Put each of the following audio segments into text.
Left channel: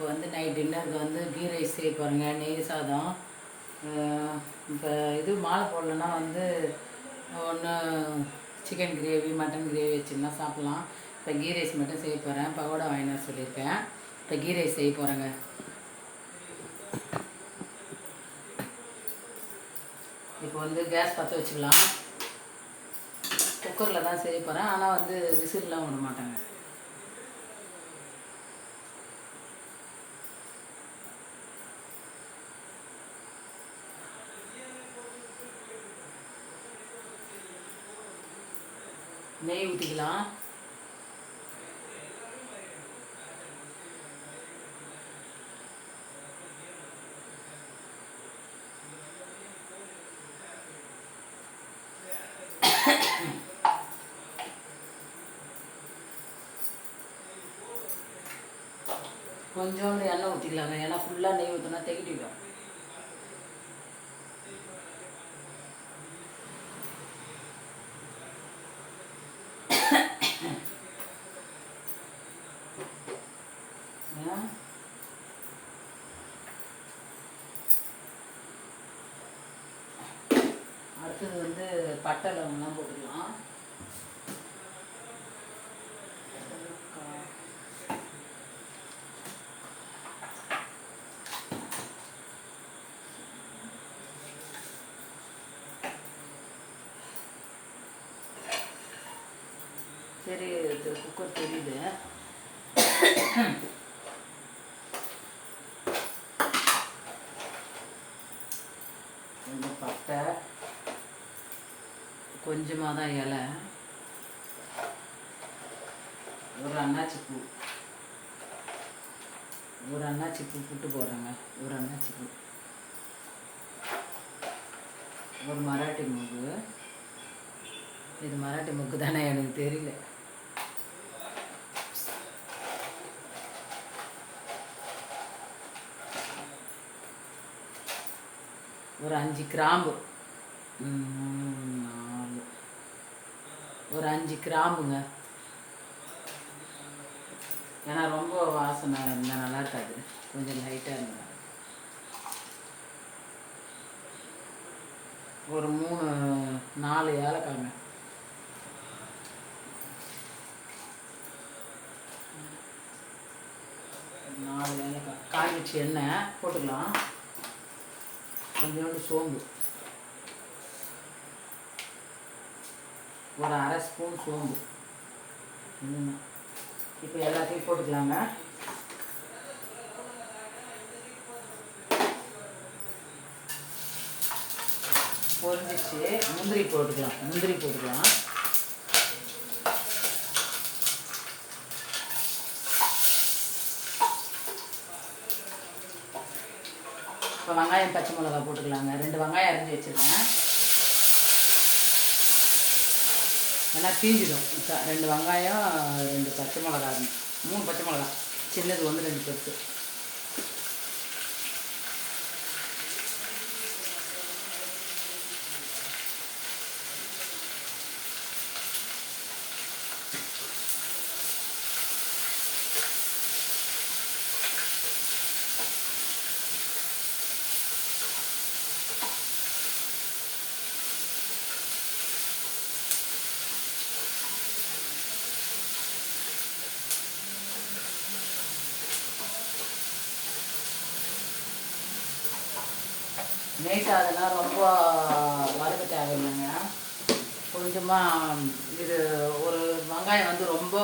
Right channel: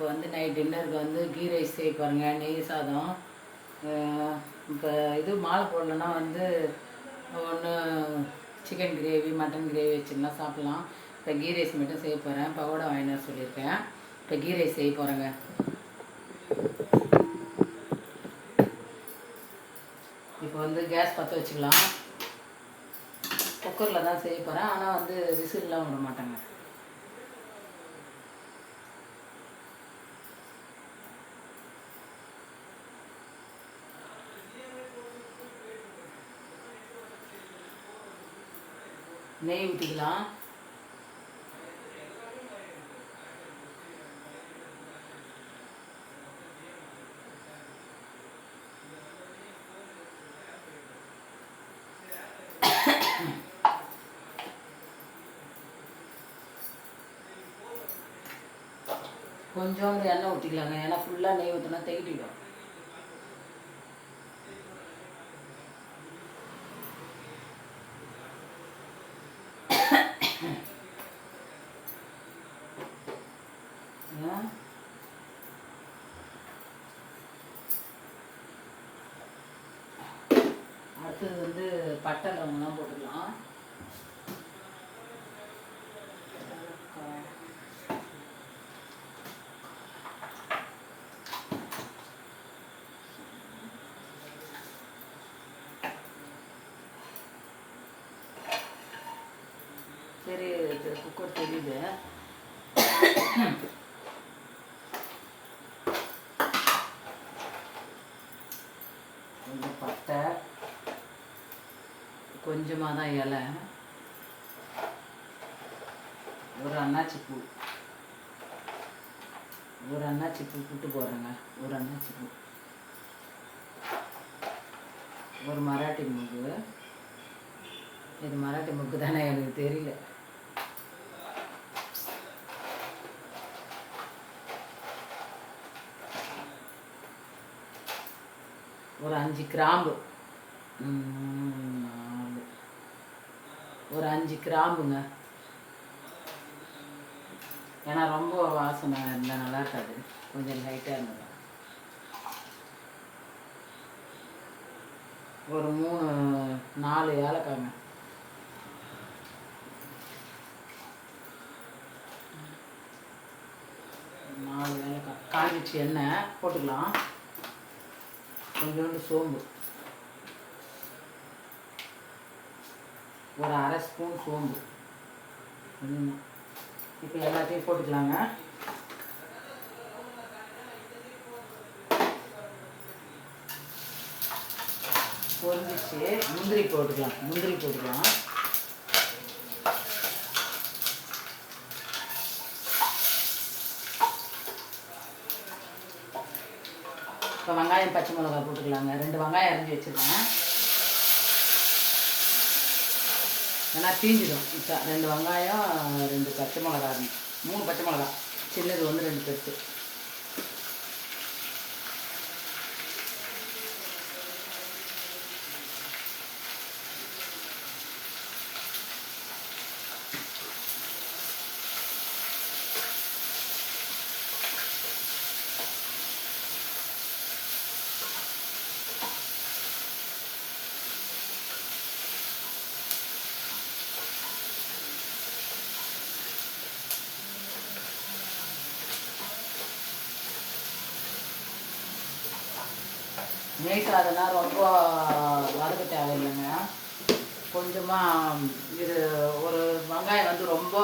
இப்போ வந்து நைட் டின்னருக்கு வந்து கீ ரைஸ் செய்ய பாருங்க, நெய் சாதம். இப்போ இது மாலை போடலன்னா வந்து ஒன்று சிக்கன் கிரேவி மட்டன் கிரேவி வச்சுன்னா சாப்பிட்லாம். இப்போ கீ ரைஸ் மட்டும் செய்ய போகிறேன். பகோடா வாங்கினு சொல்லியிருக்கேன். இப்போ கீ ரைஸ் செய்ய போகிறேங்க. இப்போ வந்து கேஸ் பற்ற வச்சுக்கலாம். குக்கரில் தான் செய்ய போகிறேன். ஆனால் வந்து விசில்லாம் விட மாட்டேங்க. நெய் ஊற்றிக்கலாம். கொஞ்சோண்டு எண்ணெய் ஊற்றிக்கலாங்க. ஏன்னா ஃபுல்லாக நெய் ஊற்றினா தெகிட்டிடும். அடுத்தது வந்து பட்டை லவங்கலாம் போட்டுக்கலாம். சரி, குக்கர் தெரியுது. கொஞ்சம் பட்டை, கொஞ்சமாக தான் இலை, ஒரு அன்னாச்சி பூ புட்டு போடுறேங்க. ஒரு அன்னாச்சி பூ, ஒரு மராட்டி மூக்கு. இது மராட்டி மூக்கு தானே, எனக்கு தெரியல. ஒரு 5 கிராம்பு, 4, ஒரு 5 கிராம்புங்க. ஏன்னா ரொம்ப வாசனை இருந்தால் நல்லா இருக்காது, கொஞ்சம் லைட்டாக இருந்தது. ஒரு 4 ஏலக்காய்ங்க. காய் வச்சு எண்ணெய் போட்டுக்கலாம். கொஞ்சோண்டு சோம்பு, ஒரு 1/2 ஸ்பூன் சோம்பு. இப்போ எல்லாத்தையும் போட்டுக்கலாங்க. பொரிஞ்சிச்சு. முந்திரி போட்டுக்கலாம். இப்போ வெங்காயம் பச்சை மிளகாய் போட்டுக்கலாங்க. 2 வெங்காயம் அரிஞ்சு வச்சுருக்கேன். ஏன்னா தீஞ்சிடும். இப்போ 2 வெங்காயம், 2 பச்சை மிளகாய், 3 பச்சை மிளகாய். சின்னது வந்து 2 பெருசு. நெய் சாதம்னா ரொம்ப வறுக்க தேவையில்லைங்க. கொஞ்சமாக இது ஒரு வெங்காயம் வந்து ரொம்ப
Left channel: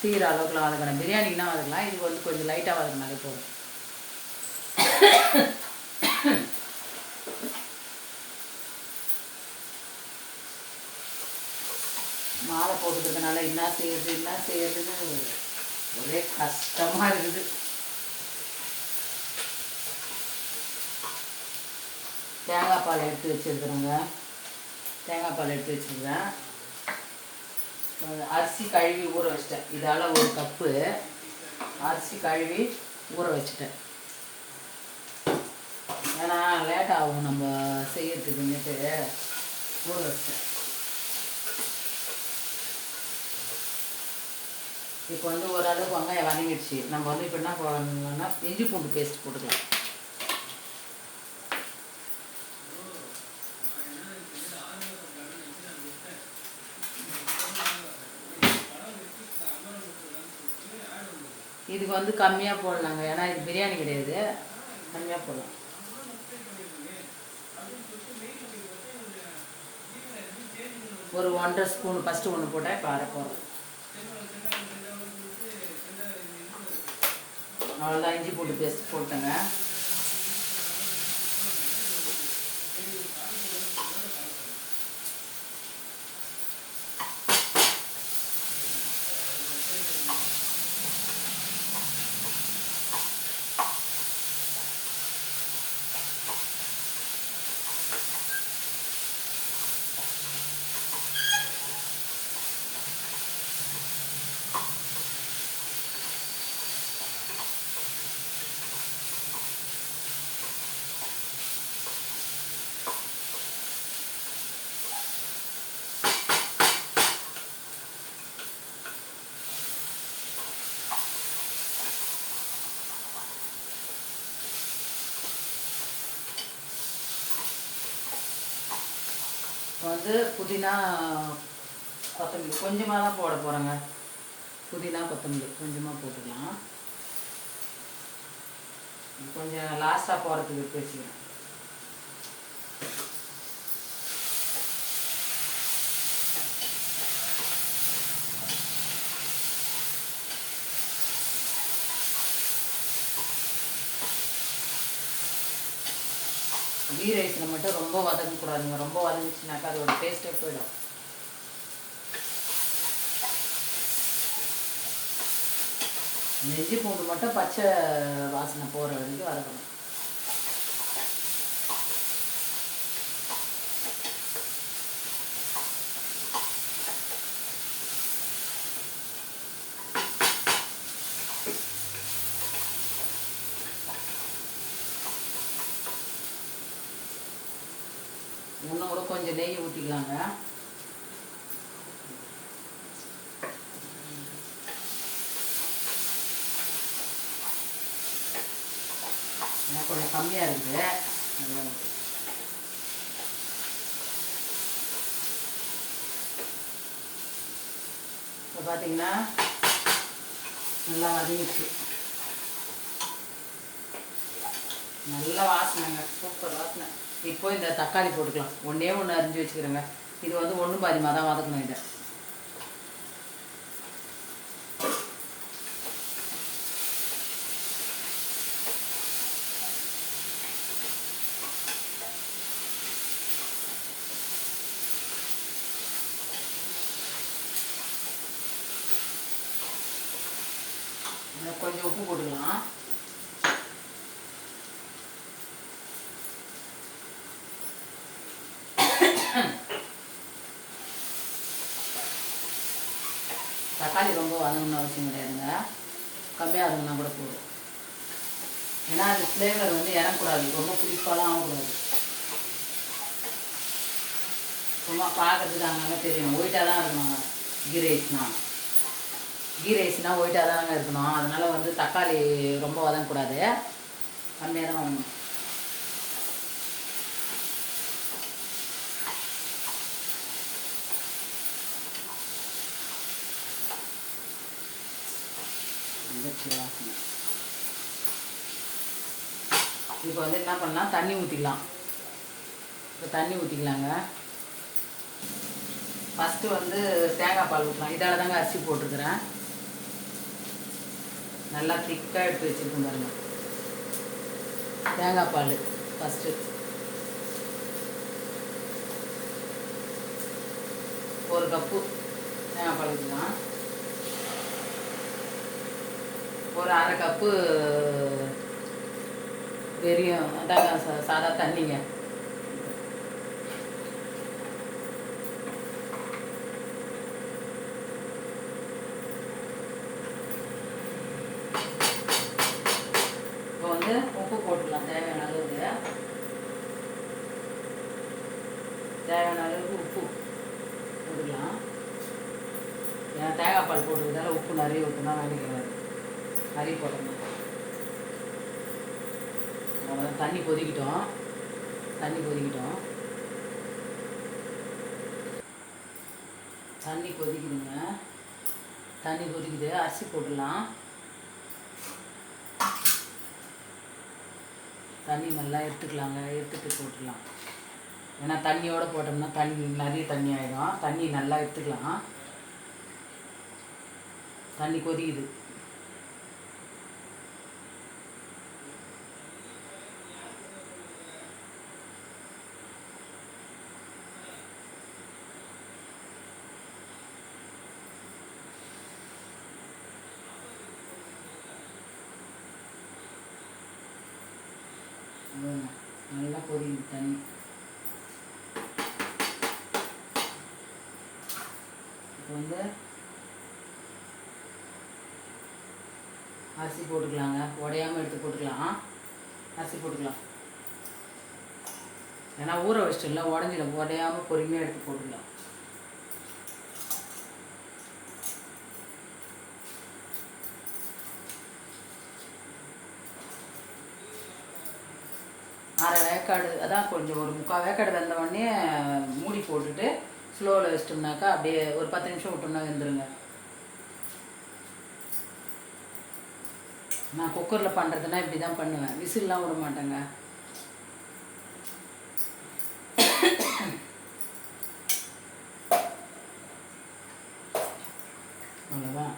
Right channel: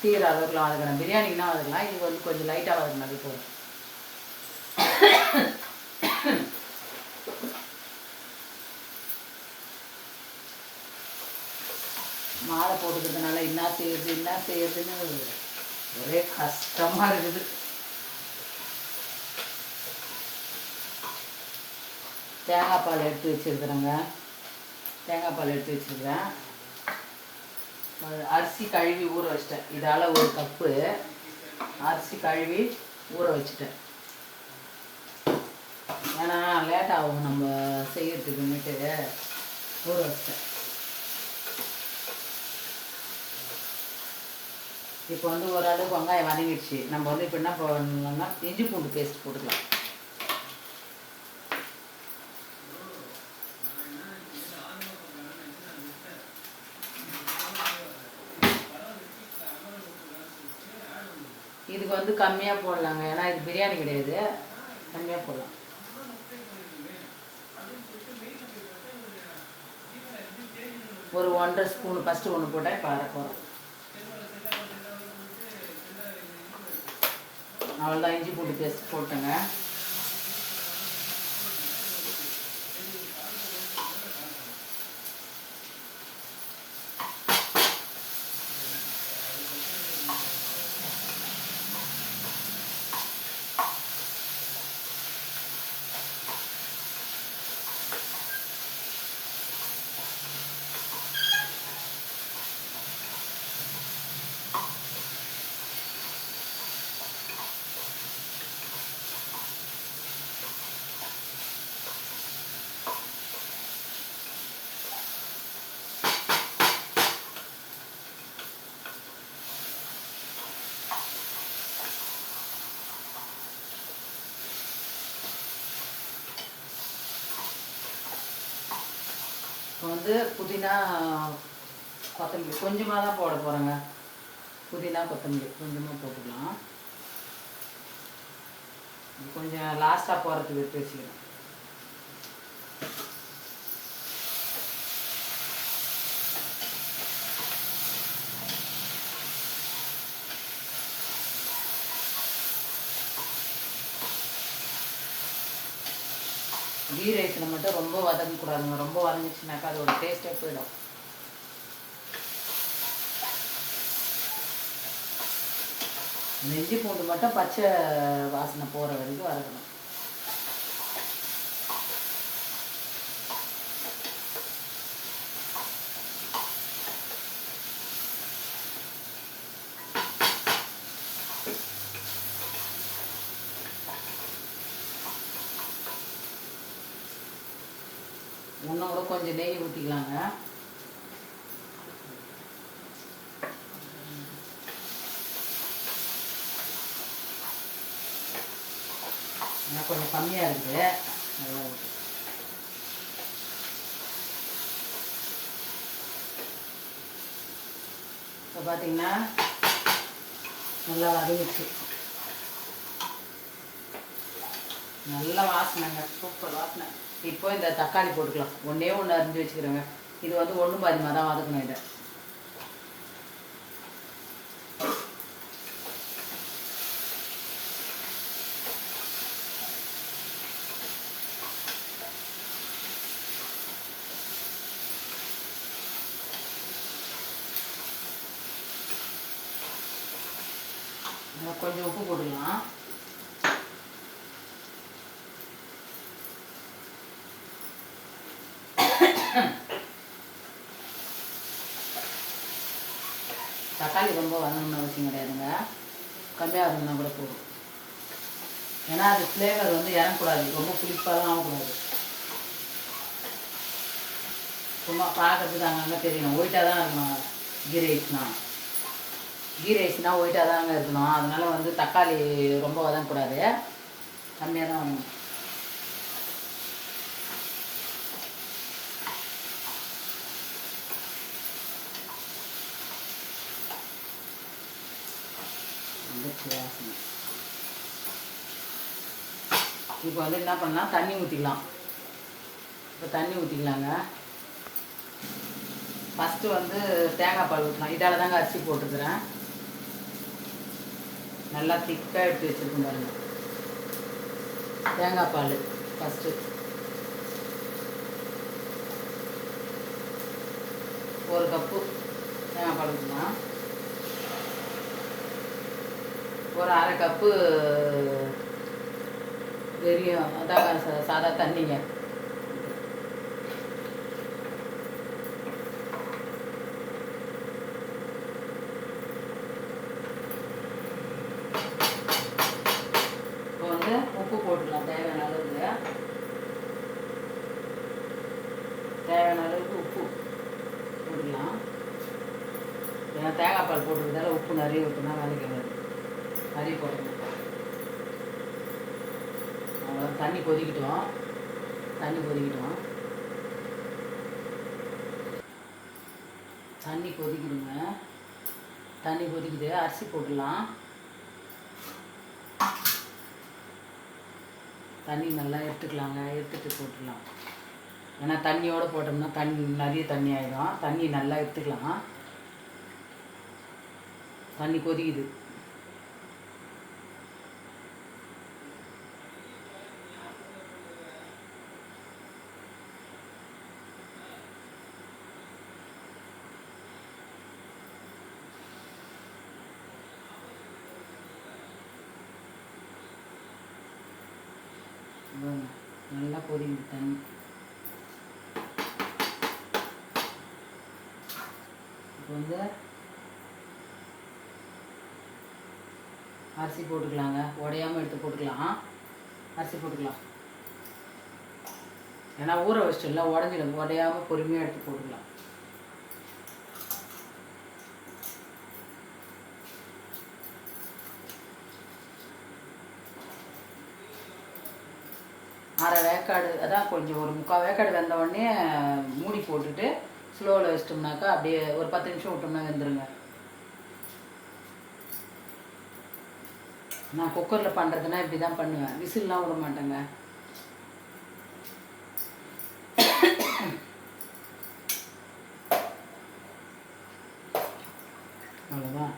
தீர அளவுக்குலாம் வதக்கணும். பிரியாணிக்குனா வதக்கலாம். இது வந்து கொஞ்சம் லைட்டாக வதக்கினாலே போதும். மாலை போட்டுக்கிறதுனால என்ன செய்யறதுன்னு ஒரே கஷ்டமாக இருக்குது. தேங்காய் பால் எடுத்து வச்சுருக்குறேங்க. அரிசி கழுவி ஊற வச்சிட்டேன். இதால் 1 கப்பு அரிசி கழுவி ஊற வச்சுட்டேன். ஏன்னா லேட் ஆகும் நம்ம செய்யறதுக்குன்னுட்டு ஊற வச்சிட்டேன். இப்போ வந்து ஓரளவுக்கு வெங்காயம் வதங்கிடுச்சு. நம்ம வந்து இப்போ என்ன பண்ணலாம்னா இஞ்சி பூண்டு பேஸ்ட் போட்டுக்கலாம். இதுக்கு வந்து கம்மியாக போடலாங்க, ஏன்னா இது பிரியாணி கிடையாது, கம்மியாக போடலாம். ஒரு 1.5 ஸ்பூன் ஃபஸ்ட்டு ஒன்று போட்டால் இப்போ அரை போகிறோம். அவ்வளோதான், இஞ்சி பூண்டு பேஸ்ட் போட்டுங்க. இப்போ வந்து புதினா கொத்தமல்லி கொஞ்சமாக தான் போட போகிறேங்க. புதினா கொத்தமல்லி கொஞ்சமாக போட்டுக்கலாம். கொஞ்சம் லாஸ்ட்டாக போகிறதுக்கு பேசிக்கிறேன். கீ ரைஸில் மட்டும் ரொம்ப வதங்கக்கூடாதுங்க. ரொம்ப வதங்கிச்சுனாக்கா அதோட டேஸ்ட்டே போயிடும். இஞ்சி பூண்டு மட்டும் பச்சை வாசனை போகிற வரைக்கும் வதக்கணும். இன்னும் கூட கொஞ்சம் நெய் ஊற்றிக்கலாங்க. ஏன்னா கொஞ்சம் கம்மியாக இருக்குது. இப்போ பார்த்தீங்கன்னா நல்லா வதங்கிடுச்சு. நல்ல வாசனைங்க, சூப்பர் வாசனை. இப்போ இந்த தக்காளி போட்டுக்கலாம். ஒன்றே ஒன்று அரிஞ்சு வச்சுக்கிறேங்க. இது வந்து 1 பாதிமாக தான் வதக்கணும். இதை கொஞ்சம் உப்பு போட்டுக்கலாம். தக்காளி ரொம்ப வதங்கணும்னு அவசியம் கிடையாதுங்க, கம்மியாக வதங்கினா கூட போதும். ஏன்னா அது ஃப்ளேவர் வந்து இறங்கக்கூடாது, ரொம்ப புளிப்பாலாம் ஆகக்கூடாது. சும்மா பார்க்கறதுக்கு அங்கங்கே தெரியும். ஒயிட்டாக தான் இருக்கணும் கீ ரைஸ்னால் ஒயிட்டாக தாங்க இருக்கணும். அதனால் வந்து தக்காளி ரொம்ப வதங்கக்கூடாது, கம்மியாக தான் வதங்கணும். இப்போ வந்து என்ன பண்ணலாம், தண்ணி ஊற்றிக்கலாம். இப்போ தண்ணி ஊற்றிக்கலாங்க. ஃபஸ்ட்டு வந்து தேங்காய் பால் ஊற்றலாம். இதால் தாங்க அரிசி போட்டிருக்கிறேன். நல்லா திக்காக எடுத்து வச்சுருக்கோம் பாருங்க. தேங்காய் பால் ஃபஸ்ட்டு ஒரு கப்பு தேங்காய் பால் ஊற்றலாம். ஒரு அரை கப்பு வெறியும் அதான் சாதா தண்ணிங்க. இப்போ வந்து உப்பு போட்டுடலாம். தேவையான அளவுக்கு உப்பு போட்டுக்கலாம். ஏன்னா தேங்காய் தேங்காய் பால் போட்டுக்கிறதால உப்பு நிறைய ஊற்றினா வலிக்கிறது, நிறைய போடணும். அவ்வளோ தண்ணி கொதிக்கிட்டோம், தண்ணி கொதிக்கிட்டோம், தண்ணி கொதிக்குதுங்க. தண்ணி கொதிக்குது, அரிசி போட்டுடலாம். தண்ணி நல்லா எடுத்துக்கலாங்க, எடுத்துட்டு போட்டுடலாம். ஏன்னா தண்ணியோடு போட்டோம்னா தண்ணி நிறைய தண்ணி ஆகிடும். தண்ணி நல்லா எடுத்துக்கலாம். தண்ணி கொதிக்குது. நல்லா கொதிக்குது தண்ணி. இப்போ வந்து அரிசி போட்டுக்கலாங்க, உடையாமல் எடுத்து போட்டுக்கலாம். அரிசி போட்டுக்கலாம், ஏன்னா ஊற வச்சிட்டல உடஞ்சிடும். உடையாமல் பொறுமையாக எடுத்து போட்டுக்கலாம். அரை வேக்காடு, அதான் கொஞ்சம் ஒரு 3/4 வேக்காடு வெந்த உடனே மூடி போட்டுட்டு ஸ்லோவில் வச்சிட்டோம்னாக்கா அப்படியே ஒரு 10 நிமிஷம் விட்டோம்னா வெந்துருங்க. நான் குக்கரில் பண்ணுறதுனா இப்படி தான் பண்ணுவேன், விசில்லாம் விட மாட்டேங்க. அவ்வளோதான்.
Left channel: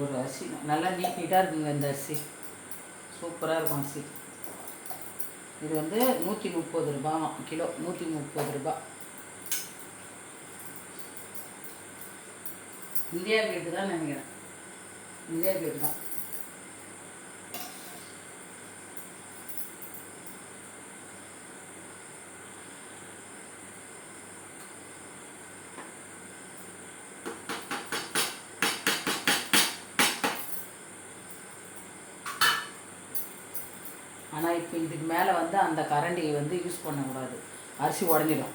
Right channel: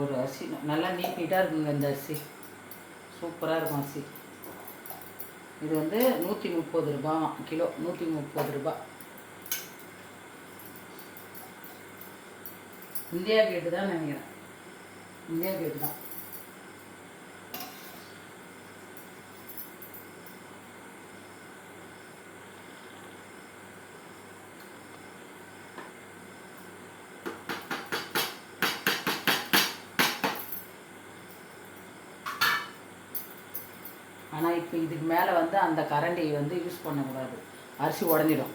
ஒரு அரிசி நல்லா நீட்டாக இருக்குங்க. இந்த அரிசி சூப்பராக இருக்கும் அரிசி. இது வந்து 130 ரூபாய் கிலோ, 130 ரூபா. இந்தியா கேட்டு தான் நினைக்கிறேன், இந்தியா கேட்டு தான். ஆனால் இப்போ இதுக்கு மேலே வந்து அந்த கரண்டியை வந்து யூஸ் பண்ணக்கூடாது, அரிசி உடஞ்சிடும்.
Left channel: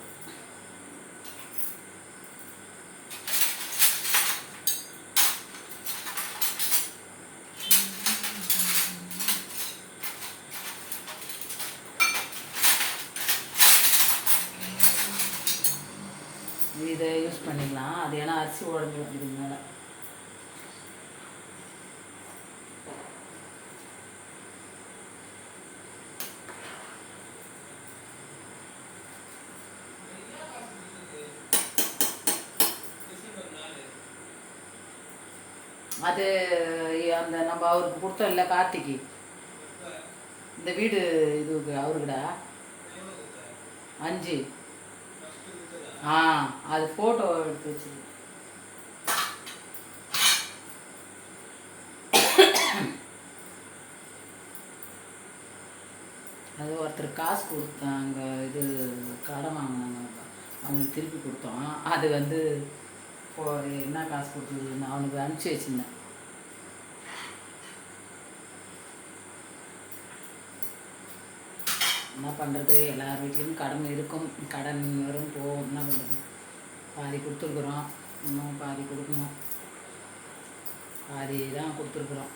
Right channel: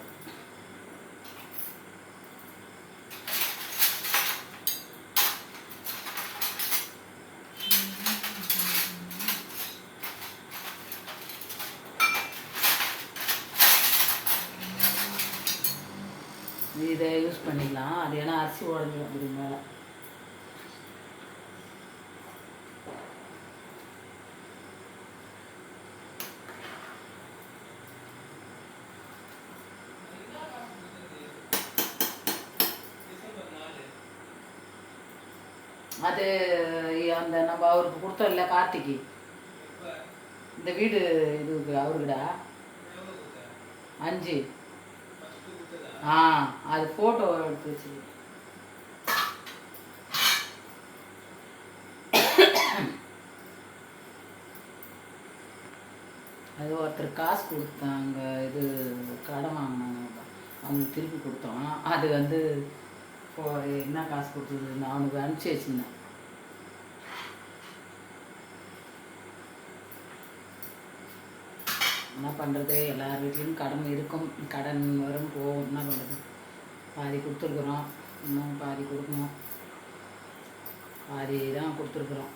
இதை யூஸ் பண்ணிக்கலாம். அது ஏன்னா அரிசி உடஞ்சிடும் இதுக்கு மேலே. அது அந்த நம்ம அவருக்கு கொடுத்தோம் இல்லை கார்த்திக்கு, இந்த வீடு இது அவருக்குடா 5. அது ஃபோட்டோ எடுத்து வச்சு. அது ஒருத்தர் காசு கொடுத்தாங்க, இது கடன் வாங்கினாங்க, அவங்களுக்கு திருப்பி கொடுத்தோம். அது வந்து என்ன காசு கொடுத்தது நான் அவனுக்கு அனுப்பிச்சி வச்சுருந்தேன். என்ன பண்ணுறது, எல்லார் வீட்லேயும் கடன் இருக்கும், கடன் வரும் போகும். என்ன பண்ணுறது, பாதி கொடுத்துருக்குறோம், இன்னும் பாதி கொடுக்கணும். பாதி தான் கொடுத்துருக்குறோம்.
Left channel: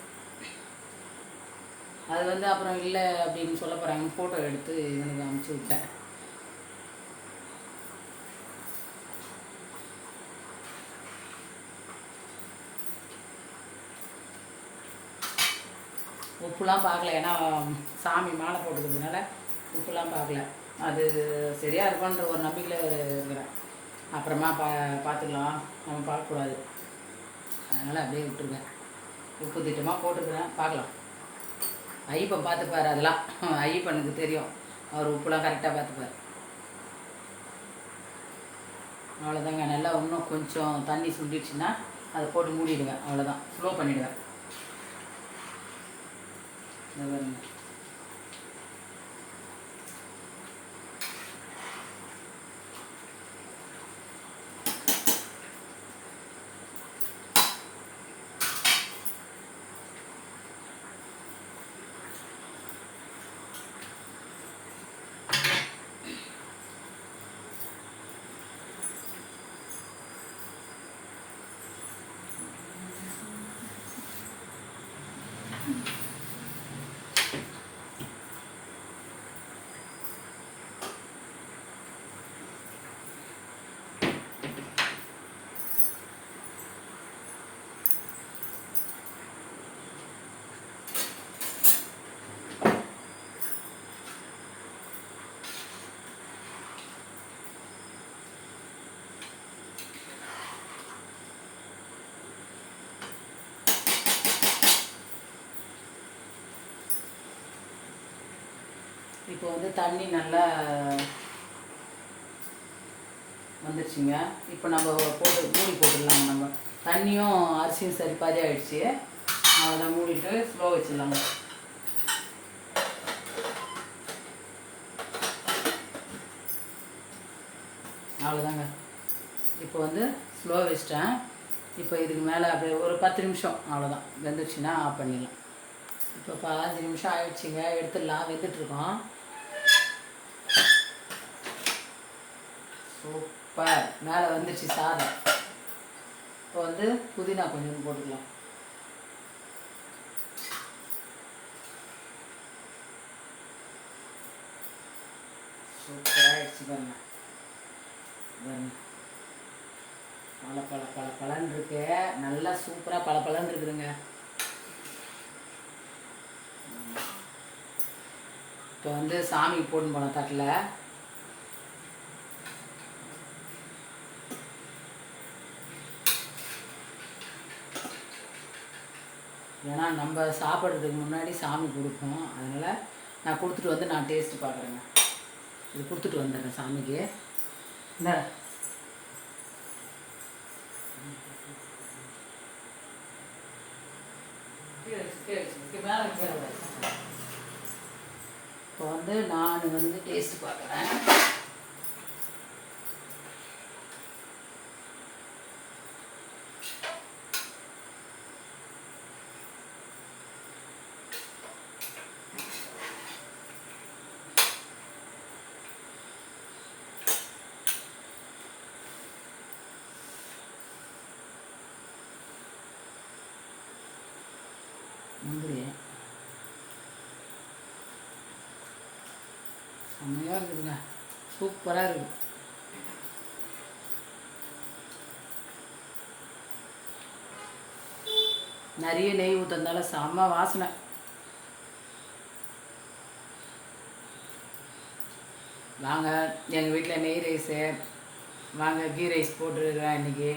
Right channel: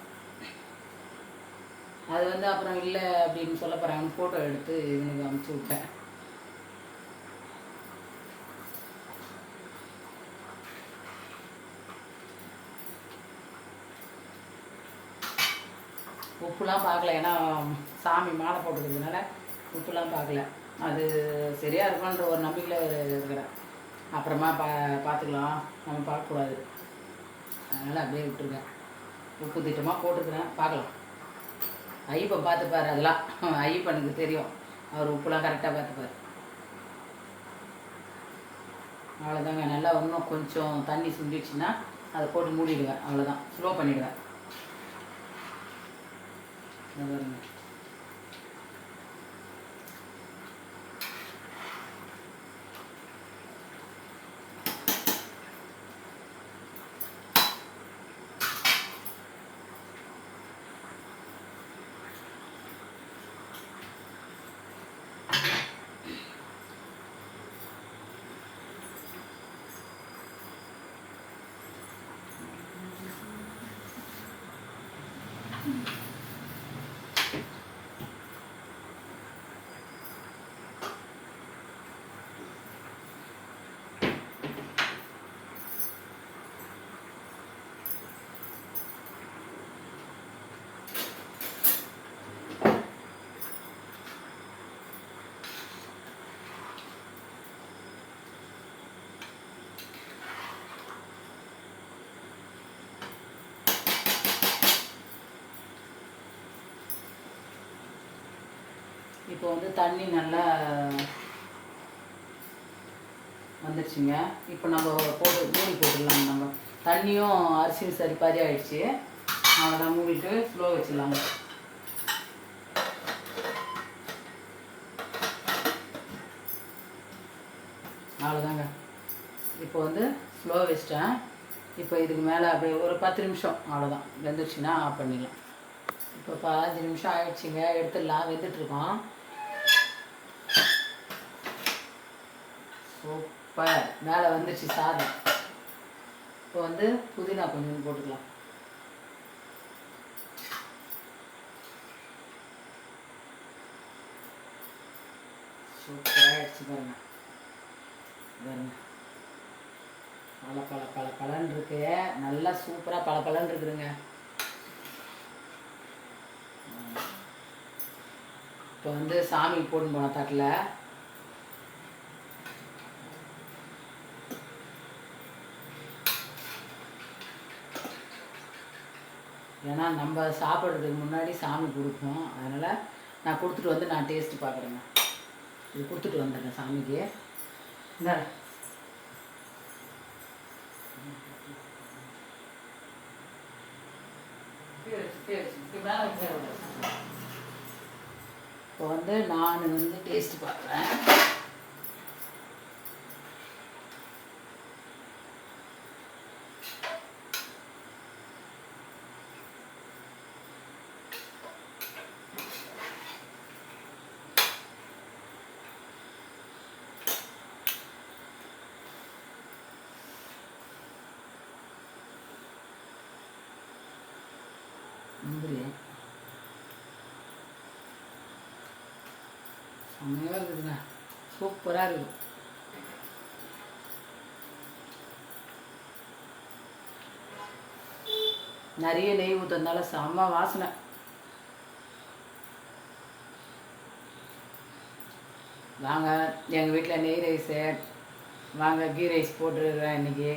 அது வந்து அப்புறம் இல்லை அப்படின்னு சொல்ல போகிறாங்க. ஃபோட்டோ எடுத்து இவனுக்கு அனுப்பிச்சி விட்டேன். உப்புலாம் பார்க்கல, ஏன்னா சாமி மாலை போட்டுக்கிறதுனால உப்புலாம் பார்க்கல. அது சரியாக இருக்கும்ன்ற ஒரு நம்பிக்கையில் இருக்கிறேன். அப்புறமா பார்த்துக்கலாம், நம்ம பார்க்கக்கூடாது, அதனால் அப்படியே விட்டுருங்க. உப்பு திட்டமாக போட்டுருக்குறேன், பார்க்கலாம். ஐயப்பன் பார்த்துப்பார், அதெல்லாம் ஐயப்பனுக்கு தெரியும், அவர் உப்புலாம் கரெக்டாக பார்த்துப்பார். அவ்வளோதாங்க. நல்லா இன்னும் கொஞ்சம் தண்ணி சுண்டிடுச்சுன்னா அதை போட்டு மூடிடுவேன், அவ்வளோதான். ஸ்லோ பண்ணிவிடுவேன். இது பாருங்க. இப்போ வந்து தண்ணி நல்லா வந்துடுச்சுங்க. இப்போ நம்ம போட்டு மூடி போட்டுடலாங்க. நம்ம தண்ணியும் அரிசியும் சரி பாதி ஆகிடுச்சு. அதெல்லாம் மூடிட்டு ஸ்லோ வச்சிடலாங்க. அவ்வளோதாங்க. இப்போ வந்து ஸ்லோ வச்சிட்டேன். இப்போ இதுக்கு மேலே அப்படியே ஒரு 10 நிமிஷம் அவ்வளோதான். வெந்துருச்சுன்னா ஆஃப் பண்ணிடலாம். இப்போ 15 நிமிஷம் ஆகிடுச்சிங்க. எடுத்துடலாம். வெந்துட்டுருக்கோம். சூப்பர். மேலே வந்துடுச்சு சாதம். இப்போ வந்து புதினா கொஞ்சம் போட்டுக்கலாம். சூப்பராக ஆகிடுச்சு பாருங்க. பாருங்க பழன்னு இருக்கு. நல்லா சூப்பராக பழன்னு இருக்குதுங்க. இப்போ வந்து சாமி போட்டு போன தட்டில் ஏன்னா நம்ம சாப்பிட்றதுக்கு முன்னாடி சாமி கொடுப்போம். அதனால் நான் கொடுத்துட்டு வந்து நான் டேஸ்ட்டு பார்க்குறேங்க. இது கொடுத்துட்டு வந்துடுறேன் சாமிக்கு. என்ன இப்போ வந்து நான் வந்து டேஸ்ட்டு பார்க்குறேன். முந்திரி செம்மையாக இருக்குதுங்க. சூப்பராக இருக்குது. நிறைய நெய் ஊற்றுறதுனால செம்ம வாசனை. வாங்க எங்கள் வீட்டில் நெய் ரைஸு. வாங்க கீ ரைஸ் போட்டுருக்குறேன் இன்றைக்கி.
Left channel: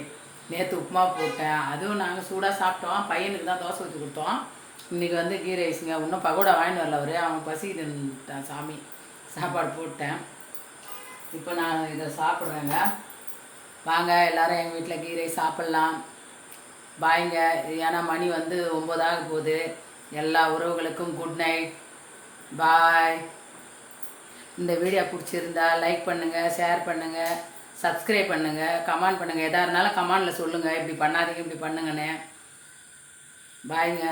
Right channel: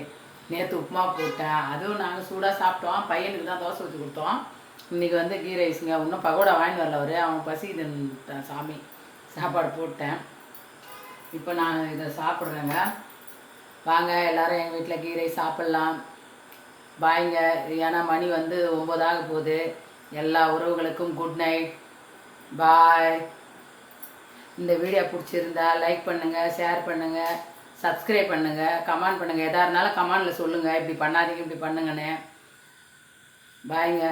நேற்று உப்புமா போட்டேன். அதுவும் நாங்கள் சூடாக சாப்பிட்டோம். பையனுக்கு தான் தோசை ஊற்றி கொடுத்தோம். இன்றைக்கி வந்து கீ ரைஸுங்க. இன்னும் பகோடா வாங்கிட்டு வரல அவர். அவன் பசிக்குதுன்ட்டான். சாமி சாப்பாடு போட்டேன். இப்போ நான் இதை சாப்பிட்றேங்க. வாங்க எல்லோரும் எங்கள் வீட்டில் கீ ரைஸ் சாப்பிட்லாம். பாய்ங்க. ஏன்னா மணி வந்து 9 ஆக போகுது. எல்லா உறவுகளுக்கும் குட் நைட். பாய். இந்த வீடியோ பிடிச்சிருந்தா லைக் பண்ணுங்கள், ஷேர் பண்ணுங்கள், சப்ஸ்கிரைப் பண்ணுங்கள், கமெண்ட் பண்ணுங்கள். எதாக இருந்தாலும் கமெண்டில் சொல்லுங்கள். இப்படி பண்ணாதீங்க, இப்படி பண்ணுங்கண்ணே. பாய்ங்க.